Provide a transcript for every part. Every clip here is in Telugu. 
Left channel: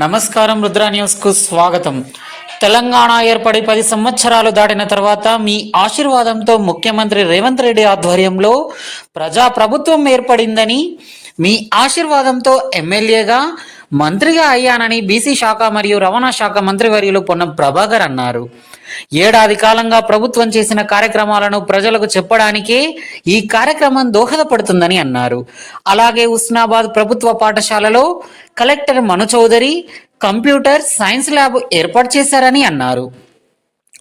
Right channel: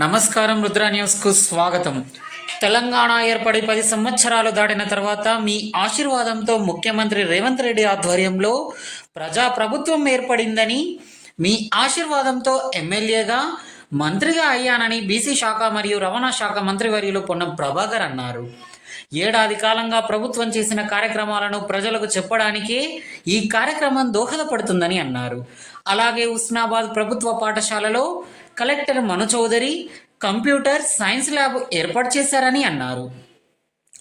నమస్కారం రుద్ర న్యూస్కు స్వాగతం. తెలంగాణ ఏర్పడి పది సంవత్సరాలు దాటిన తర్వాత మీ ఆశీర్వాదంతో ముఖ్యమంత్రి రేవంత్ రెడ్డి ఆధ్వర్యంలో ప్రజా ప్రభుత్వం ఏర్పడిందని మీ ఆశీర్వాదంతో ఎమ్మెల్యేగా మంత్రిగా అయ్యానని బీసీ శాఖ మరియు రవాణా శాఖ మంత్రివర్యులు పొన్నం ప్రభాకర్ అన్నారు. ఏడాది కాలంగా ప్రభుత్వం చేసిన కార్యక్రమాలను ప్రజలకు చెప్పడానికే ఈ కార్యక్రమం దోహదపడుతుందని అన్నారు. అలాగే ఉస్నాబాద్ ప్రభుత్వ పాఠశాలలో collector Manu Chaudhary computer science lab ఏర్పాటు చేశారని అన్నారు.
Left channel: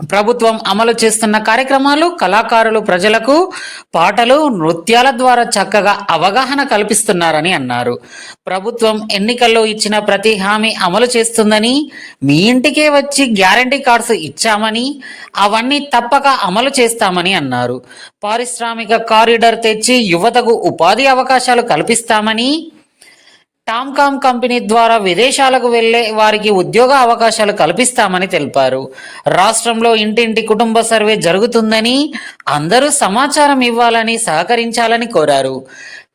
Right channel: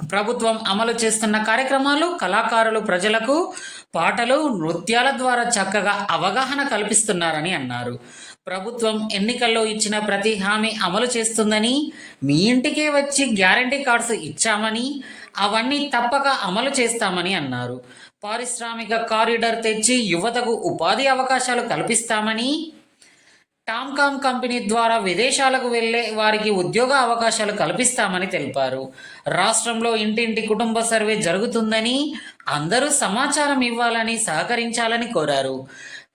ప్రభుత్వం అమలు చేస్తున్న కార్యక్రమాలు కళాకారులు ప్రజలకు పాటలు నృత్యాల ద్వారా చక్కగా అవగాహన కల్పిస్తున్నారని అన్నారు. ప్రభుత్వం ఎన్నికల్లో ఇచ్చిన ప్రతి హామీ అమలు చేస్తుందని మీ ఇంటికే వచ్చి గ్యారంటీ కార్డ్స్ ఇచ్చామని అవన్నీ తప్పక అమలు చేస్తామని అన్నారు. పారిశ్రామిక కారిడార్ తెచ్చి యువతకు ఉపాధి అవకాశాలు కల్పిస్తామని టామ్కామ్ కంపెనీ ద్వారా విదేశాలకు వెళ్ళే వారికి ఉద్యోగ అవకాశాలు కల్పిస్తామని తెలిపారు. రాష్ట్రంలో ఇంటింటి కుటుంబ సర్వే జరుగుతుందని అందరూ సమాచారం ఇవ్వాలని సహకరించాలని కోరారు.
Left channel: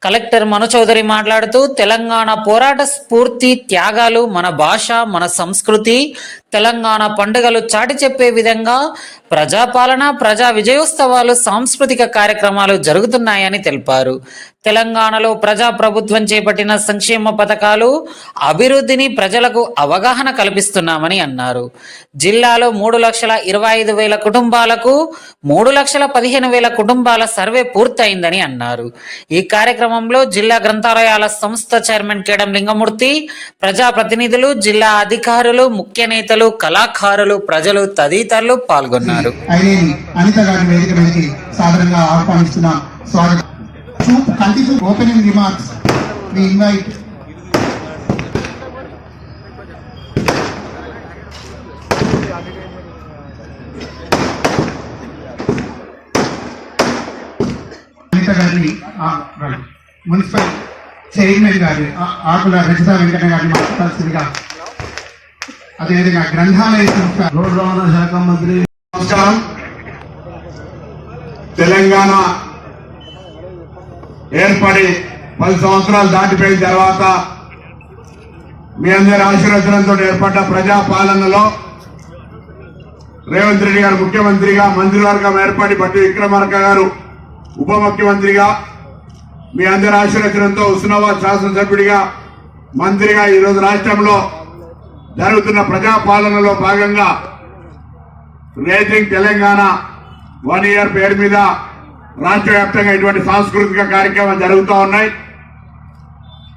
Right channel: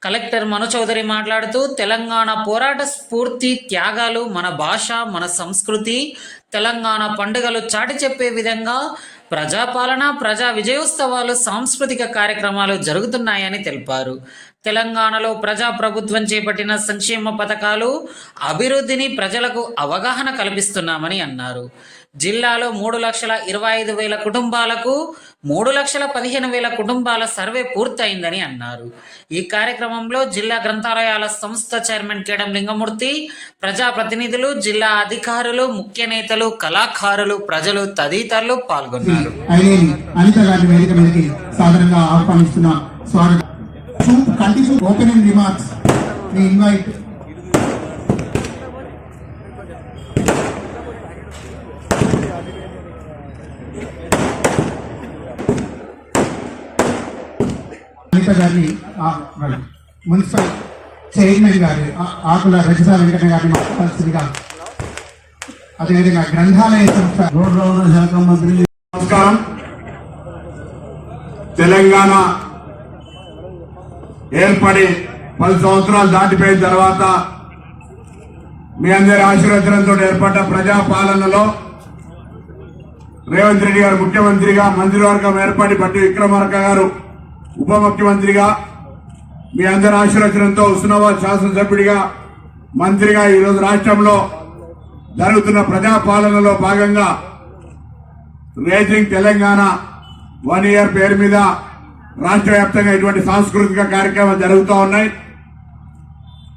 కలెక్టర్ మను చౌదరి మాట్లాడుతూ తెలంగాణ పోరాట స్ఫూర్తి త్యాగాలు మన భాష మన సంస్కృతి తెలంగాణ పండుగలు చాటి చెప్పే విధంగా ప్రజాపాలన ప్రజా విజయోత్సవాలు సాంస్కృతిక కార్యక్రమాలు జరుగుతున్నాయని తెలిపారు. తెలంగాణలో ప్రజా ప్రభుత్వం చేపట్టిన సంక్షేమ పథకాలు అభివృద్ధిని ప్రజలకు అవగాహన కల్పిస్తున్నామని అన్నారు. జిల్లాలో మూడు లక్షల ఇరవై ఐదు వేల కుటుంబాలకు మూడు లక్షల పదిహేను వేల కుటుంబాల సర్వే పూర్తయిందని అన్నారు. ఈ కార్యక్రమంలో జిల్లా గ్రంథాలయాల సంస్థ చైర్మన్ కేడం లింగమూర్తి ప్రజాప్రతినిధులు జిల్లా అధికారులు ముఖ్య నేతలు కళాకారులు ప్రజలు తదితరులు పాల్గొన్నారు. ఆహ్వానిస్తున్నాం continue opening remarks we invite Anitha గారిని రండి. మున్సిపల్ చైర్మన్ గారు ఆకుల రజిత వెంకట గారిని మాట్లాడాల్సిందిగా. అదేవిధంగా గ్రంథాలయ సంస్థ. రోడ్డు రవాణా శాఖ మంత్రి. నమస్కారం. తెలంగాణ ఏర్పడి పది సంవత్సరాలు దాటిపోయిన తర్వాత మీ అందరి ఆశీర్వచనంతో ఏర్పడ్డ ప్రజాపాలనలో రేవంత్ రెడ్డి గారు ముఖ్యమంత్రిగా మంత్రివర్గం ఏర్పడి బట్టి విక్రమార్క గారు ఉప ముఖ్యమంత్రిగా మీ అందరి ఆశీర్వచనంతో హుస్నాబాద్ శాసనసభ్యుడిగా మంత్రిగా ఈరోజు రాష్ట్రంలో జరుగుతున్న ప్రజాపాలనలో భాగంగా రేసింగ్ తెలంగాణ వన్ ఇయర్ పేరు మీద రాష్ట్ర వ్యాప్తంగా ఇటువంటి సాంస్కృతిక కార్యక్రమాలు జరుగుతూ ఉన్నాయి.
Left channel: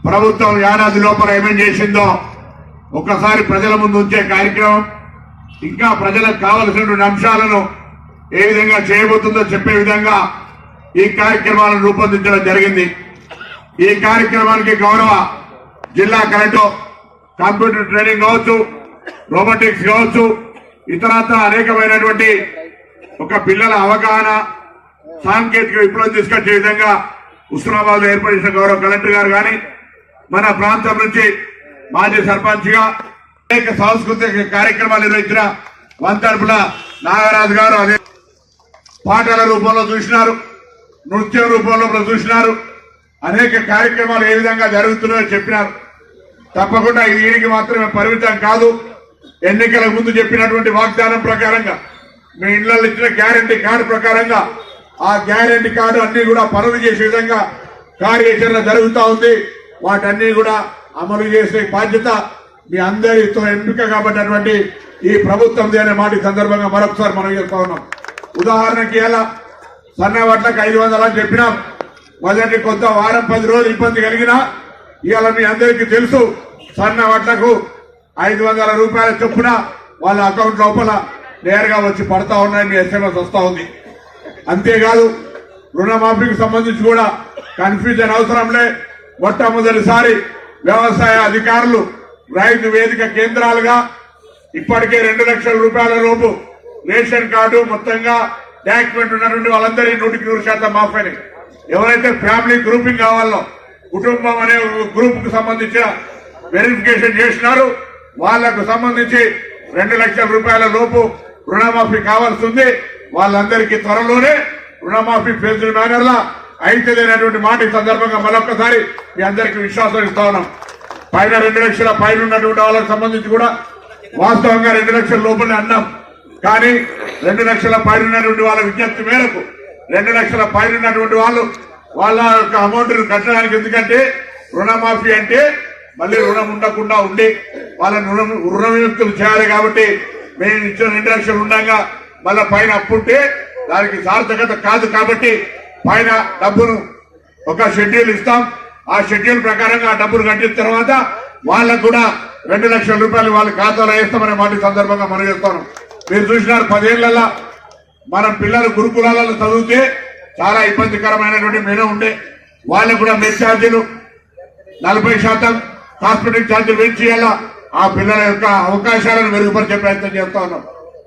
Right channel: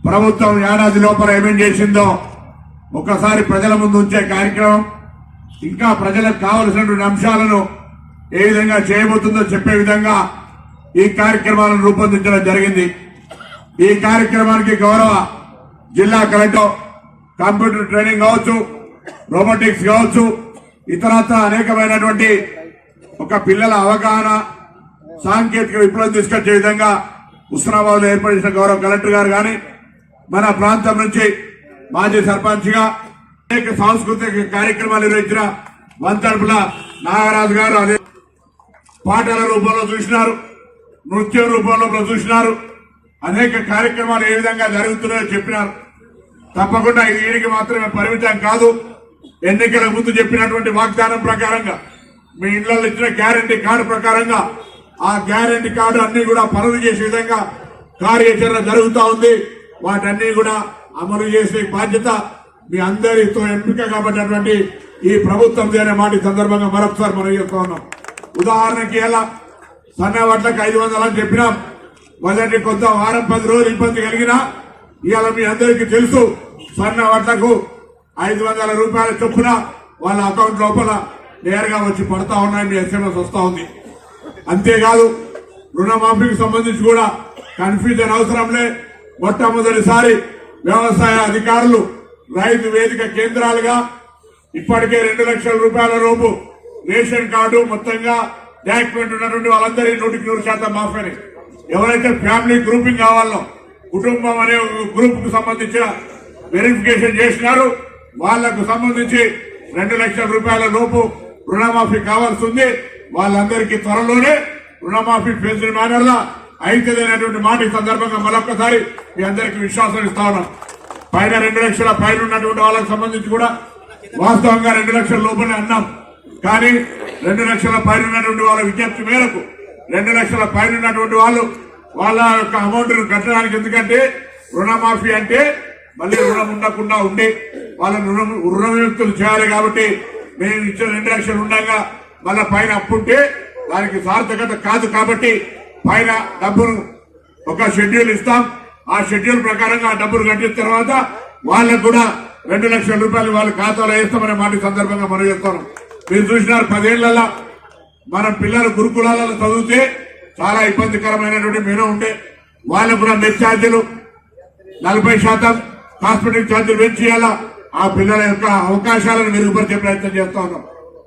ప్రభుత్వం ఏడాది లోపల ఏమేం చేసిందో ఒక్కసారి ప్రజల ముందు ఉంచే కార్యక్రమం ఇంకా ప్రజలకు కావలసినటువంటి అంశాలను ఏ విధంగా చేయబోతుందో చెప్పే విధంగా ఈ కార్యక్రమాలను రూపొందించడం జరిగింది. ఈ కార్యక్రమానికి గౌరవ జిల్లా కలెక్టర్ కంప్యూటర్ ట్రైనింగ్ కావచ్చు రోబోటిక్స్ కావచ్చు ఇతరత్ర అనేకమైనటువంటి ఒక పిల్లల అవగాహన సాంకేతిక విప్లవం తీసుకొచ్చే విధంగా ఉస్మానాబాద్లో ఏర్పడిన గౌరవ కలెక్టర్ గారు కానీ మన ప్రాంతం నుంచి మాజీ సర్పంచ్గా అనేక సాంస్కృతిక కార్యక్రమాలు నిర్వహించిన వంతడుపుల నాగరాజు గారు అదే పాటల రూపంలో చూసినారు నృత్యం రూపంలో చూసినారు అనేక కార్యక్రమాలు ఏ విధంగా జరుగుతున్నాయో చెప్పినారు. తప్పకుండా ఇది మాత్రమే పరిమితం కాదు ఎన్నికల ముందు చెప్పినటువంటి వాగ్దానం ప్రకారంగా మీ ఇళ్ళలో ఇచ్చిన గ్యారంటీ కార్డు ప్రకారంగా ఆ గ్యారంటీ కార్డు అన్ని కూడా పనులు చేసే విధంగా కార్యాచరణ జరుగుతూ ఉంది. వాటన్ని కూడా అమలు చేసే బాధ్యత మీ అందరితో ఎంపిక కాబట్టినటువంటి ఈ ప్రభుత్వం అనే మాట సందర్భంగా మరొకసారి మనం చెప్తా ఉన్నాం. ఉదాహరణకి ఎలా? సన్న వడ్లకు ఐదు వందలు అని చెప్పినాం. మొదటి కొంత వారం పది రోజులు ఇబ్బంది కలిగినా ఇవాళ మీ అందరికీ తెలుసు సన్న వడ్లకు ఐదు వందల రూపాయల చొప్పున వాళ్ళ అకౌంట్ లోపల నేరుగా వచ్చి పడతా ఉన్నాయి మీ ఎస్ఎంఎస్ వస్తూ ఉంది. అంతేకాదు రుణమాఫీకి సంబంధించి కూడా కన్ఫ్యూజన్ అవసరంలే. మొట్టమొదటిసారి వ్యవసాయ అధికారులు రైతు వేదిక కేంద్రాలుగా ఇప్పటికే రెండు లక్షల రూపాయల లోపు రేషన్ కార్డు మొత్తంగా డాక్యుమెంట్ ఉన్నటువంటి వాళ్ళందరి నూటికి నూరు శాతం మాఫీ ఎవరైతే ఫ్యామిలీ గ్రూపింగ్ కావాలో కుటుంబం అనే గ్రూప్కు సంబంధించిన వెరిఫికేషన్ చేసినారు వాళ్ళకు సంబంధించి రెండు లక్షల రూపాయల లోపు రుణమాఫీ కావాల్సింది వాళ్ళందరికీ త్వరలోనే రుణమాఫీ ఫేజ్డ్ మేనర్లా అయితేనేటువంటి మాట ఈ సందర్భంగా మరొకసారి మీ అందరికీ విశ్వాసం ఇస్తా ఉన్నాం. పైన రెండు లక్షల పైన ఉన్నటువంటి వాళ్ళకి సంబంధించి కూడా వాస్తవంగా రెండు లక్షల లోపలే అన్నాం. కానీ రెండు లక్షల పైన ఉన్నటువంటి వాళ్ళ విజ్ఞప్తి మేరకు రెండు లక్షల పైన ఉన్నటువంటి వాళ్ళు వాళ్ళ యొక్క అమౌంట్ కట్టడానికి ఎందుకంటే రుణమాఫీ అంటే మళ్ళీ రుణం ఉండకుండా ఉండి వాళ్ళని రుణం రుణ విముక్తులు చేయాలి కాబట్టి మేము ఇచ్చిన రెండు లక్షలు ఉండగా మళ్ళా పైన అప్పు ఉంటే దానికి సార్థకత కాదు కాబట్టి పైన డబ్బును ఒక షెడ్యూల్ ఇస్తాం. ఆ షెడ్యూల్ ప్రకారంగా ఆ డబ్బులు కట్టిన తర్వాత వాళ్ళకు కూడా రెండు లక్షల రూపాయలు వాళ్ళ ఖాతాలో వేస్తామనే మాట సందర్భంగా మనం చెప్తాను. మీరు చూసినారు పదేళ్ళలో మన పిల్లలు గురుకులాలలో చదివితే చాలా ఇబ్బందికరమైనటువంటి మెను ఉండే. వాళ్ళకు కూడా నెట్ ఛార్జీలు నలభై శాతం హాస్పిటల్ ఛార్జీలు పెంచేయాలా ఆ పిల్లల యొక్క అవకాశాలను మెరుగుపరిచే ప్రయత్నం చేస్తా ఉన్నాం.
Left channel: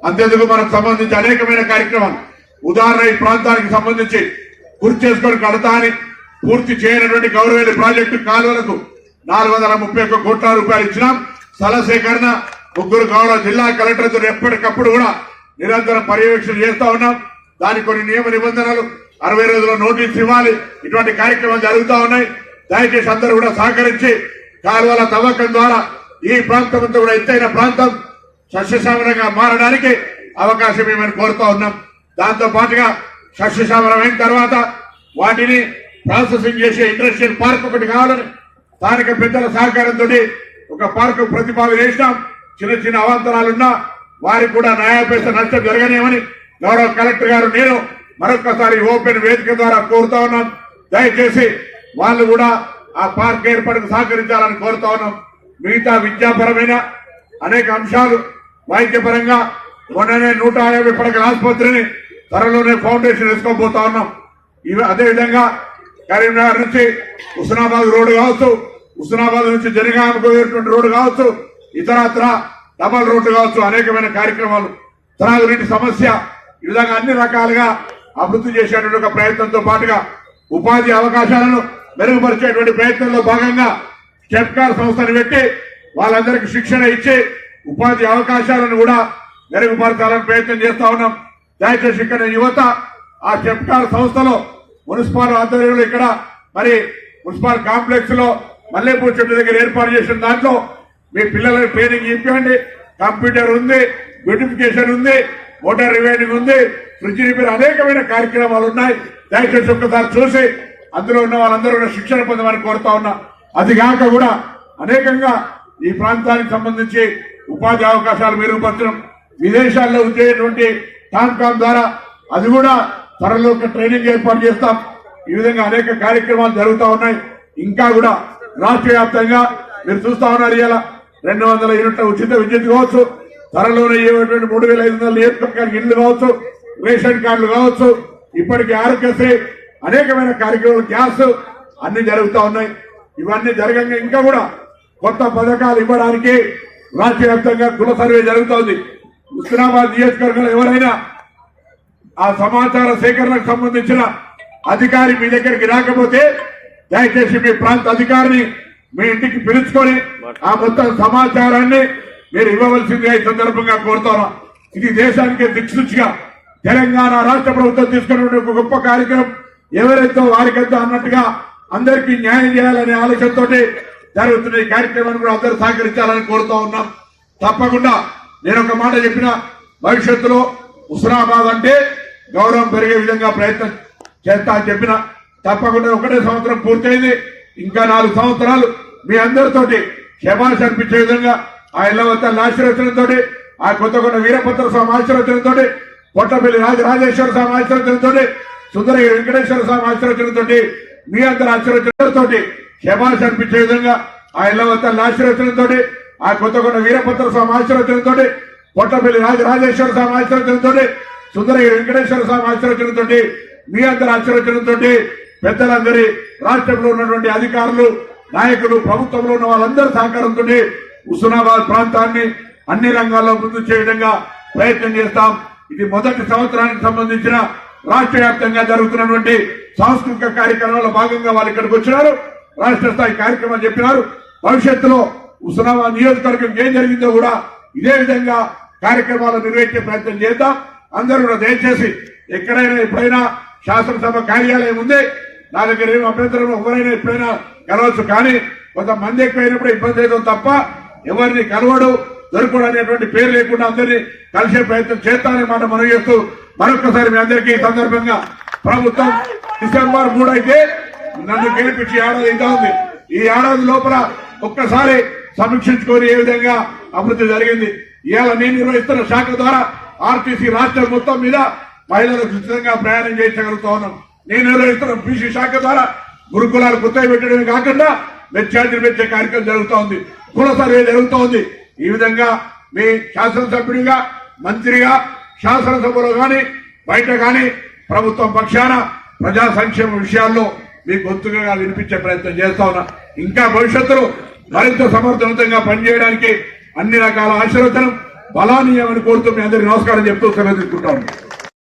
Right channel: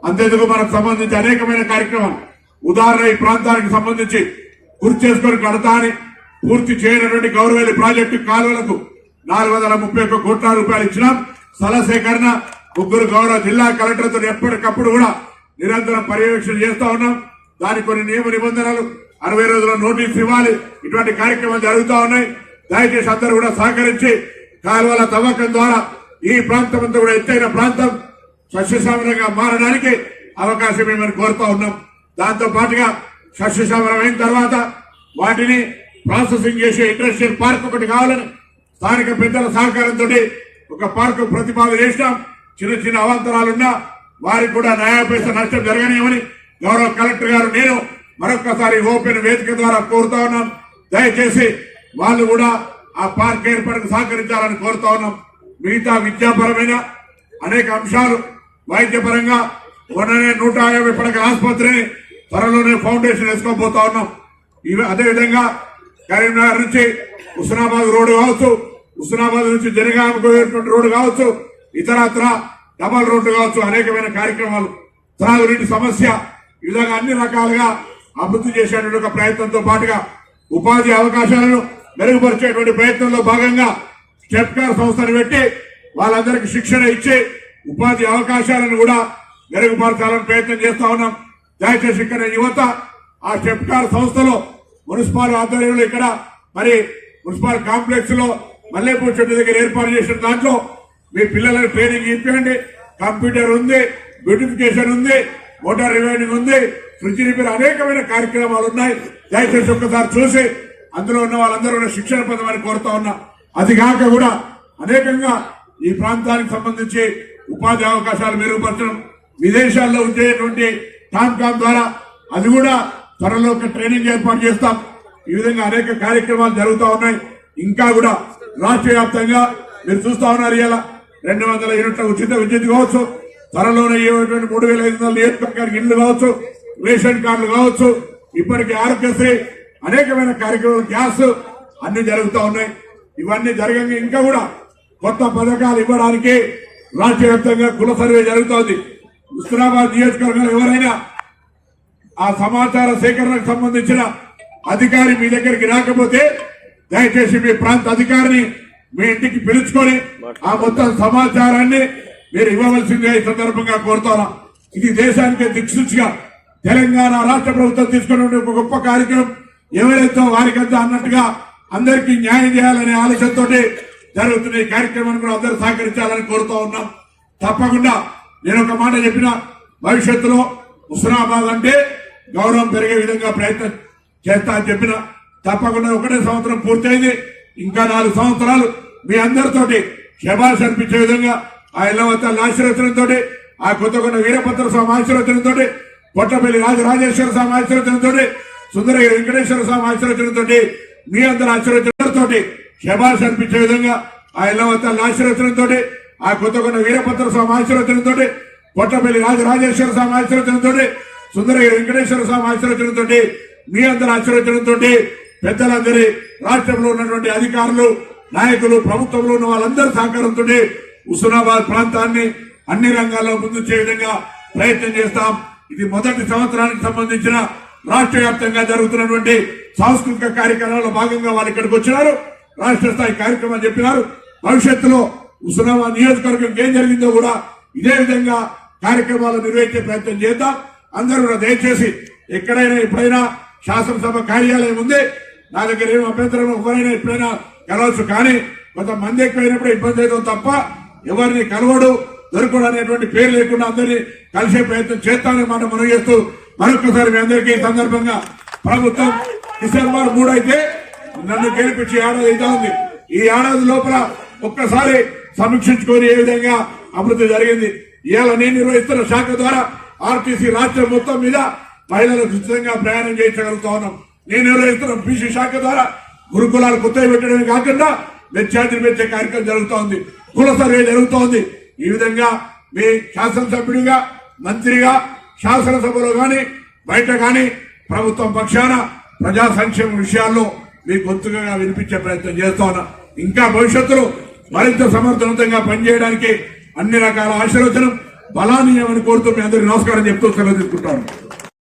అంతేందుకు మనకు సంబంధించి అనేకమైన కార్యక్రమాలు. ఉదాహరణ ఈ ప్రాంతానికి సంబంధించి గుర్తు చేసుకొని కడతా పూర్తి చేయనటువంటి గౌరవేలి ప్రాజెక్టు కాలువలకు నాలుగు వందల ముప్పై ఒక్క కోట్ల రూపాయలు ఇచ్చినాం. స్థల సేకరణ ముగ్గురు గౌరవ జిల్లా కలెక్టర్తో ఎప్పటికప్పుడు కూడా నిరంతరం పర్యవేక్షణ చేస్తా ఉన్నాం. దానికి కొన్ని నియమ నిబంధనలు అరవై రోజుల నోటీస్ ఇవ్వాలి. ఇటువంటి కార్యక్రమాలు జరుగుతూ ఉన్నాయి. దయచేసి అందరూ కూడా సహకరించి కాలువల తవ్వకం ద్వారా ఈ ప్రాంతం అంతా కూడా ఎత్తైన ప్రాంతం సస్యశ్యామలంగా మారడానికి అవకాశం ఏమని కోరుతా ఉన్నాం. దాంతో పాటుగా సస్యశ్యామలం అయిన తర్వాత వాటిని ప్రాసెసింగ్ చేసే ఇండస్ట్రియల్ పార్క్ ఒకటి కావాలని స్థానిక పెద్దల సహకారంతో ఒక పార్కు ప్రతిపాదన చేసినాం. చిన్న చిన్న అవాంతరాలున్నా వారికి కూడా న్యాయపేస నష్టం జరగనేమని గౌరవ కలెక్టర్ గారు నేను మరొకసారి ఓపెన్ వేదిక ద్వారా కోరుతా ఉన్నాం. దయచేసి వాళ్ళు కూడా ఆ పార్క్ ఏర్పాటుకు సహకరించాలని కోరుతా ఉన్నాం. మిగతా విద్యాపరమైన అనేక అంశాలు వైద్యపరంగా మొన్ననే నూట యాభై పడకల ఆసుపత్రిని త్వరలోనే ఫౌండేషన్ వేసుకోబోతా ఉన్నాం. ఇవి అదేవిధంగా కరీంనగర్ నుంచి హుస్నాబాద్ రోడ్డు కావచ్చు హుస్నాబాద్ నుంచి జనగామకు పోయేటువంటి రోడ్డు కావచ్చు ఇతరత్ర డబల్ రోడ్డు కావచ్చు అనేకమైన కార్యక్రమాలు. త్రాగునీటి సమస్య ఈ విధంగా అన్ని రకాలుగా అభివృద్ధి చేసేటువంటి ఒక ప్రయత్నంతో పాటుగా ఉపాధి అవకాశాలను మెరుగుపరిచేటువంటి ప్రయత్నంలో భాగంగా స్టెప్కార్ సంస్థను పెట్టి వాళ్ళందరికీ శిక్షణ ఇచ్చి ఉపాధి అవకాశాలను కూడా మెరుగుపరచాలని ప్రయత్నం చేస్తా ఉన్నాం. దయచేసి ఇక్కడ యువత ఆ స్టెప్కార్ సంస్థలో మున్సిపల్ ఆధ్వర్యంలో ఇక్కడ మరి మున్సిపల్ కాంప్లెక్స్లో మల్లెపూర్ చెట్టు దగ్గర ఏర్పాటు చేసిన దాంట్లో మీ పిల్లలకు ట్రైనింగ్ ఇప్పండి కంప్యూటర్ ఉంది బ్యూటిఫికేషన్ ఉంది మోటార్ రివైనింగ్ ఉంది ఫ్రిడ్జ్ రిపేర్ అనేకమైన కార్యక్రమాలు ఉన్నాయి. దయచేసి ఒక్కసారి చూసి అందులో ఉన్న వాళ్ళందరూ కూడా శిక్షణ పొందమని కోరుతా ఉన్నా. అది కాక కూడా అనేకంగా ఈ ప్రాంతానికి సంబంధించి ఉపాధి అవకాశాలు మెరుగుపరచడం విదేశాల్లో ఉండేటువంటి టాంకామ్ ద్వారా అది కూడా త్వరలో ఒక ట్రైనింగ్ ఏర్పాటు చేస్తాం. ఈ విధంగా అనేక కార్యక్రమాలు జరుగుతూ ఉన్నాయి. ఇంకా కూడా రాష్ట్ర వ్యాప్తంగా మీరు చూస్తా ఉన్నారు ఇలా రెండు వందల యూనిట్ల ఉచిత విద్యుత్ కావచ్చు. త్వరలోనే ఇవ్వటువంటి మూడు వేల ఐదు వందల నియోజకవర్గానికి ఇళ్ళు కావచ్చు రేషన్ కార్డులు కావచ్చు ఇప్పటికీ ఆరోగ్యశ్రీ అనేకమైన కార్యక్రమాలు గ్యాస్ అన్ని జరుగుతూ ఉన్నాయి. ఇవన్నీ జరగంగా ఇంకా కూడా కొత్త పథకాలు ఇవ్వడానికి రాష్ట్ర వ్యాప్తంగా కుల సర్వే జరుగుతోంది. ఉస్మానాబాద్ నియోజకవర్గంలో ఎవరైనా ఆ సమాచార సేకరణకు సంబంధించిన అధికారి మీ దగ్గరికి రాకపోతే దయచేసి మీ ప్రాంత అధికారిని మీ ఇంటికి పిలుచుకొని ఆ మొత్తం సమాచారాన్ని మీరు ఇవ్వవలసిందిగా ఈ సందర్భంగా కోరుతాను. ఇది దేశానికి దిక్సూచిగా తెలంగాణ రాష్ట్ర ప్రభుత్వం తీసుకునే ఒక గొప్ప కార్యక్రమం. ఎవరైతే వారికంతా అన్నట్టుగా అందరికీ న్యాయం చేయాలనే ఆలోచనతోటి జరుగుతున్న ఈ కార్యక్రమాన్ని కూడా అందరూ సహకరించాలని కోరుతూ ఉన్నాం. తప్పకుండా నేను ఒక మాట చెప్పిన భవిష్యత్తులో హుస్నాబాద్ అంటే గౌరవం పెరిగే విధంగా ప్రయత్నం చేస్తా అని చెప్పిన తప్పకుండా ఒకటే సంవత్సరం పూర్తయింది. ఇంకా నాలుగు సంవత్సరాలు మీ అందరితోటి శబాష్ అనిపించే విధంగా ఆ ఇళ్ళవతల ఆశీర్వచనంతో ఆ కొత్తకొండ వీరభద్ర స్వామి ఆశీర్వచనంతో పొట్టపల్లి రాజరాజేశ్వర స్వామి ఆశీర్వచనంతో సుందరగిరి వెంకటేశ్వర స్వామి ఆశీర్వచనంతో మీ అందరి ఆశీర్వచనంతో శబాష్ అనిపించే విధంగా ఆ ఇళ్ళవతల ఆశీర్వచనంతో ఆ కొత్తకొండ వీరభద్ర స్వామి ఆశీర్వచనంతో కొట్టపల్లి రాజరాజేశ్వర స్వామి ఆశీర్వచనంతో సుందరగిరి వెంకటేశ్వర స్వామి ఆశీర్వచనంతో మీ అందరి ఆశీర్వచనంతో పెద్దలందరి రాష్ట్రంలో ఉన్నటువంటి అధికారులు నాయకులు ప్రభుత్వంలో ఉన్న వాళ్ళందరి సహకారంతో హుస్నాబాద్ ప్రాంతాన్ని అన్ని రంగాల్లో ముందు చేయడంగా ప్రయత్నం చేస్తాం. ఇది మొదటి సంవత్సరానికి సంబంధించిన రాష్ట్ర వ్యాప్తంగా జరుగుతున్నటువంటి సాంస్కృతిక కార్యక్రమాల్లో భాగంగా వాళ్ళు ఇక్కడికి వచ్చినారు. రాష్ట్ర స్థాయి కార్యక్రమం చెప్పినారు. భవిష్యత్తులో హుస్నాబాద్ నియోజకవర్గం ఏం జరిగిందో కూడా ఇదే విధంగా కార్యక్రమాలు నిర్వహించే ప్రయత్నం చేద్దాం. అందరూ దయచేసి ఎక్కడైనా ఎప్పుడైనా శాసనసభ కార్యాలయం ఉంది నా దగ్గర ఏమి అభ్యంతరం ఎవరైనా ఎప్పుడైనా కలవచ్చు. కానీ కొంతమంది ఎక్కువైనప్పుడు ఇబ్బంది అవుతుంది తప్ప ఎవరిని కలవడు దొరకడు అనేటువంటి పేరు లేకుండా అందరినీ కలిసే ప్రయత్నం చేస్తానని మాట మనం చేస్తూ మరొకసారి మీ అందరికీ ఈ సందర్భంగా ప్రభుత్వం డిసెంబర్ మూడు అయితే నన్ను గెలిపించి ఏడాది అయితే ఉంది. ఈ ఏడాది లోపల ఒక్కసారి సమీక్షించుకొని ఏ విధంగా అభివృద్ధి జరిగింది. ఇవాళ నేను నిర్వహిస్తున్న శాఖ ద్వారా ఆర్టీసీ రాష్ట్రం మొత్తం మీద మహిళలకు ఉచితంగా ప్రయాణం చేయించగలుగుతా ఉన్నాం. నేను నిర్వహిస్తున్న బీసీ శాఖ ద్వారా గురుకులాలు కొత్తవి పెట్టడమే కాకుండా మెచ్చార్జీలు పెంచే కార్యక్రమం జరుగుతూ ఉంది. కుల సర్వే జరుగుతూ ఉంది. ఈ విధంగా మీ శాసనసభ్యుడిగా మంత్రిగా శాసనసభలో కానీ బయట కానీ ప్రభుత్వం పక్షాన ప్రజా సంక్షేమ విషయాల్లో మీ గొంతుగా వినిపించే ప్రయత్నం చేస్తా ఉన్నా. ఇంకా భవిష్యత్తులో మరింత సమర్థవంతంగా పనిచేయడానికి అన్ని రకాల ఆశీర్వచనం బలానీయమని కోరుతూ మీ అందరికీ నమస్కారం చెప్తూ సెలవు తీసుకుంటాను